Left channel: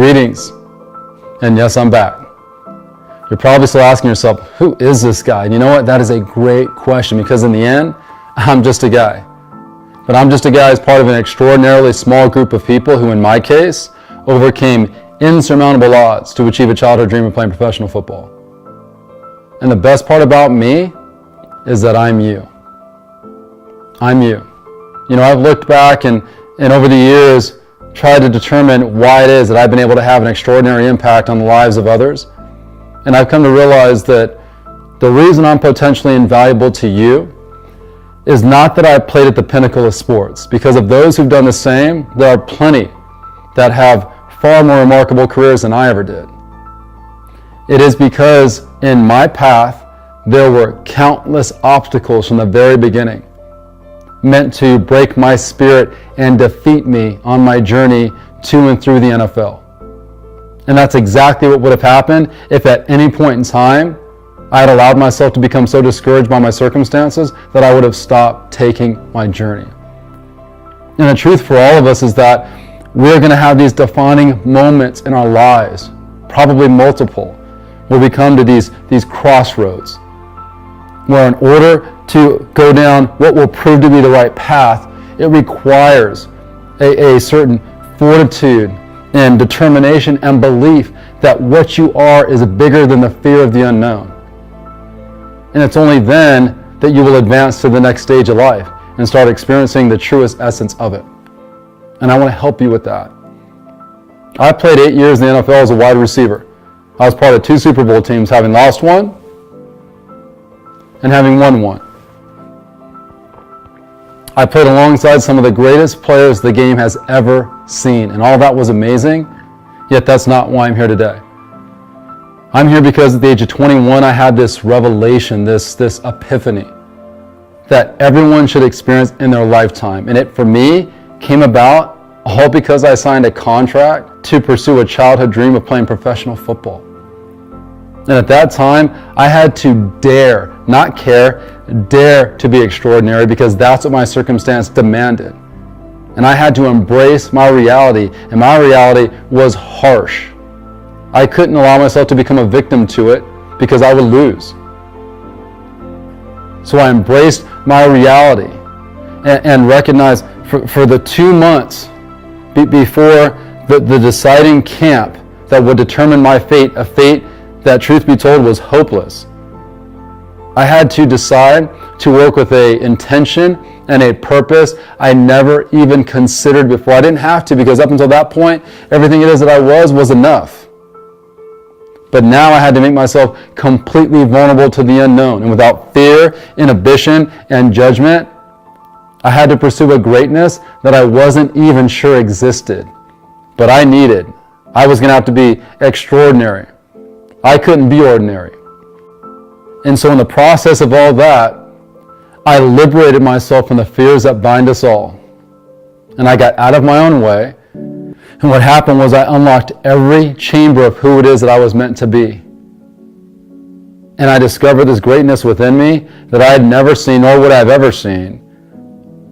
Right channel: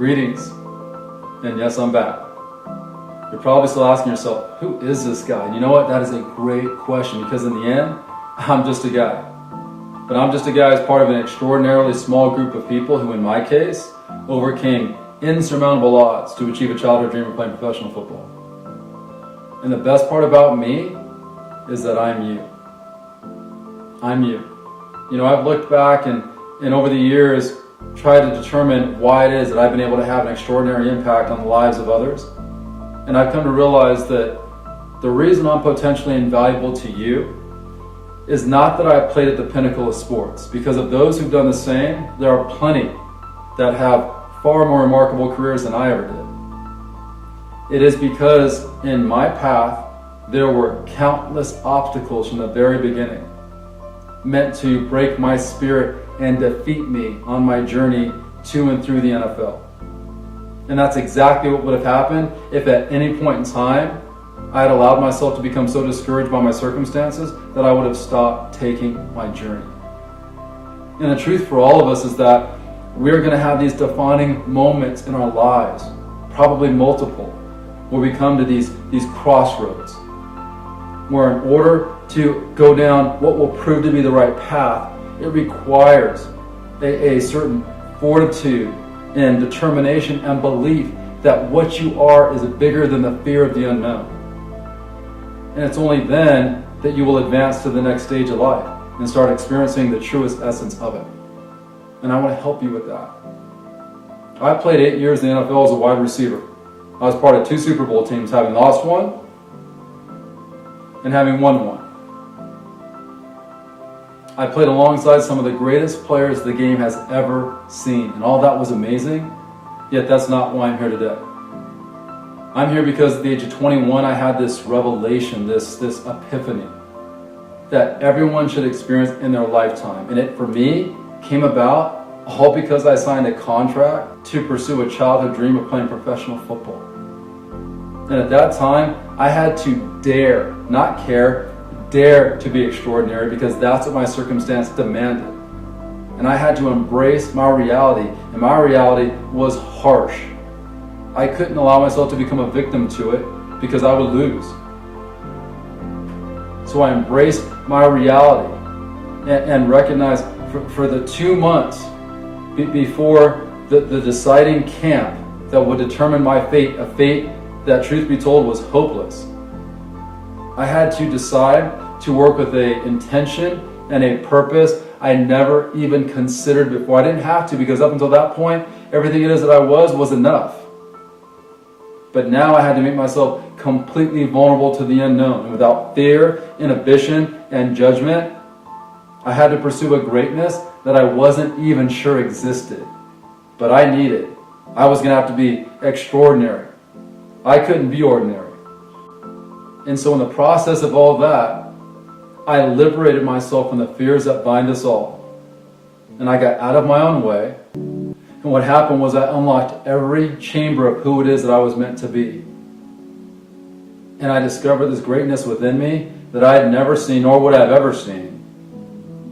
Greetings, and yes, I'm back. You're probably still asking yourself, who is this guy? And you know what? That is a great question, because in the end, I'm just a guy. But I'm just a guy as part of an extraordinarily small group of people who, in my case, overcame insurmountable odds to achieve a childhood dream of playing professional football. And the best part about me is that I'm you. I'm you. You know, I've looked back and over the years tried to determine why it is that I've been able to have an extraordinary impact on the lives of others. And I've come to realize that the reason I'm potentially invaluable to you is not that I've played at the pinnacle of sports, because of those who've done the same, there are plenty that have far more remarkable careers than I ever did. It is because in my path, there were countless obstacles from the very beginning, meant to break my spirit and defeat me on my journey to and through the NFL. And that's exactly what would have happened if at any point in time I had allowed myself to become so discouraged by my circumstances that I would have stopped taking my journey. And the truth for all of us is that we're going to have these defining moments in our lives, probably multiple, where we come to these crossroads, where in order to go down what will prove to be the right path, it requires a certain fortitude and determination and belief that what you are is bigger than the fear of the unknown. And it's only then that you will advance to the next stage of life and start experiencing the truest essence of it. And I want to help you with that. I played 8 years in the NFL as a wide receiver. I was part of 2 Super Bowl teams, having lost one and having won one. I played alongside some of the greatest players the game has ever seen, and all that was amazing, yet that's not why I'm here today. I'm here because at the age of 21, I had this revelation, this epiphany, that everyone should experience in their lifetime. And it, for me, came about all because I signed a contract to pursue a childhood dream of playing professional football. And at that time, I had to dare, not care, dare to be extraordinary, because that's what my circumstance demanded. And I had to embrace my reality, and my reality was harsh. I couldn't allow myself to become a victim to it because I would lose. So I embraced my reality and recognized for the 2 months before the deciding camp that would determine my fate, a fate that, truth be told, was hopeless, I had to decide to work with an intention and a purpose I never even considered before. I didn't have to, because up until that point, everything it is that I was enough. But now I had to make myself completely vulnerable to the unknown. And without fear, inhibition, and judgment, I had to pursue a greatness that I wasn't even sure existed. But I needed. I was going to have to be extraordinary. I couldn't be ordinary. And so in the process of all that, I liberated myself from the fears that bind us all. And I got out of my own way. And what happened was I unlocked every chamber of who it is that I was meant to be. And I discovered this greatness within me that I had never seen, nor would I have ever seen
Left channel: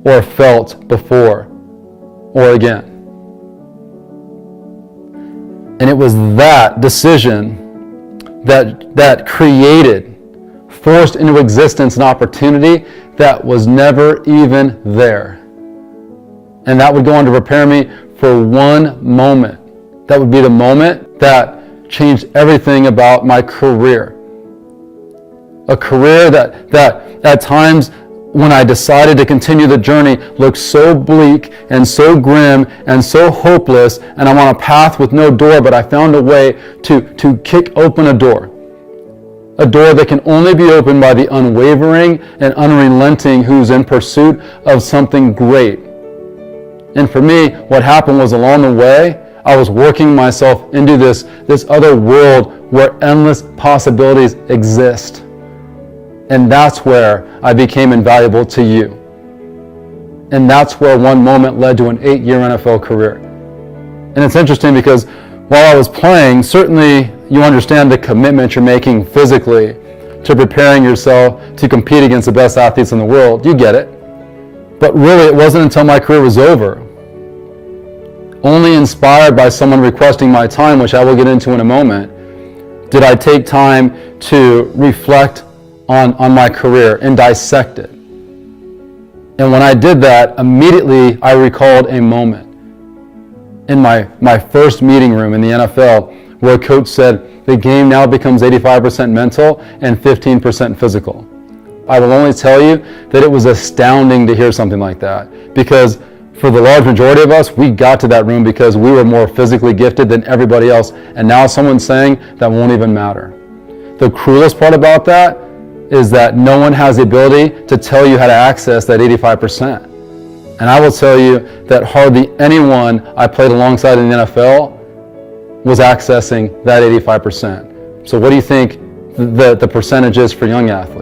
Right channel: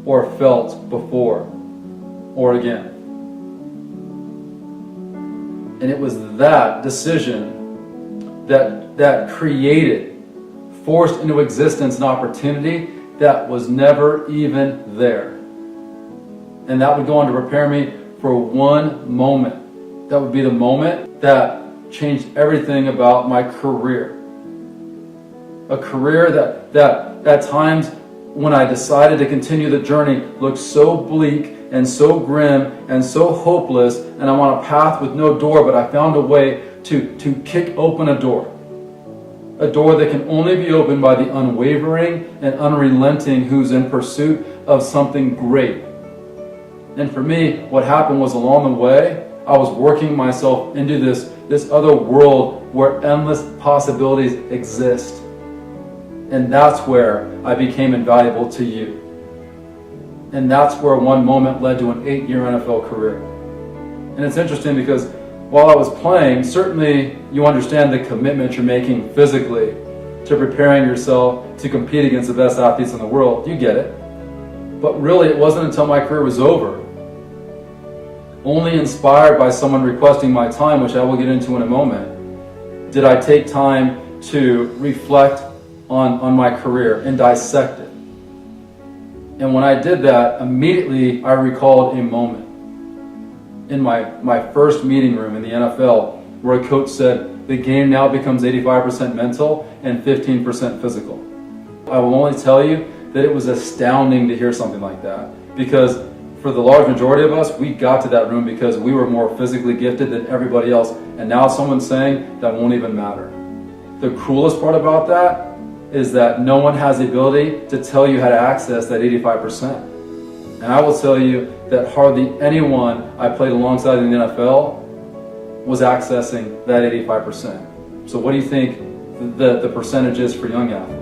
or felt before or again. And it was that decision that created, forced into existence an opportunity that was never even there. And that would go on to prepare me for one moment. That would be the moment that changed everything about my career. A career that at times when I decided to continue the journey looked so bleak and so grim and so hopeless, and I'm on a path with no door, but I found a way to kick open a door. A door that can only be opened by the unwavering and unrelenting who's in pursuit of something great. And for me, what happened was, along the way, I was working myself into this other world where endless possibilities exist. And that's where I became invaluable to you. And that's where one moment led to an 8-year NFL career. And it's interesting because while I was playing, certainly you understand the commitment you're making physically to preparing yourself to compete against the best athletes in the world. You get it. But really, it wasn't until my career was over only inspired by someone requesting my time, which I will get into in a moment, did I take time to reflect on my career and dissect it. And when I did that, immediately I recalled a moment in my first meeting room in the NFL where a coach said, the game now becomes 85% mental and 15% physical. I will only tell you that it was astounding to hear something like that, because for the large majority of us, we got to that room because we were more physically gifted than everybody else, and now someone's saying that won't even matter. The cruelest part about that is that no one has the ability to tell you how to access that 85%. And I will tell you that hardly anyone I played alongside in the NFL was accessing that 85%. So what do you think the percentage is for young athletes?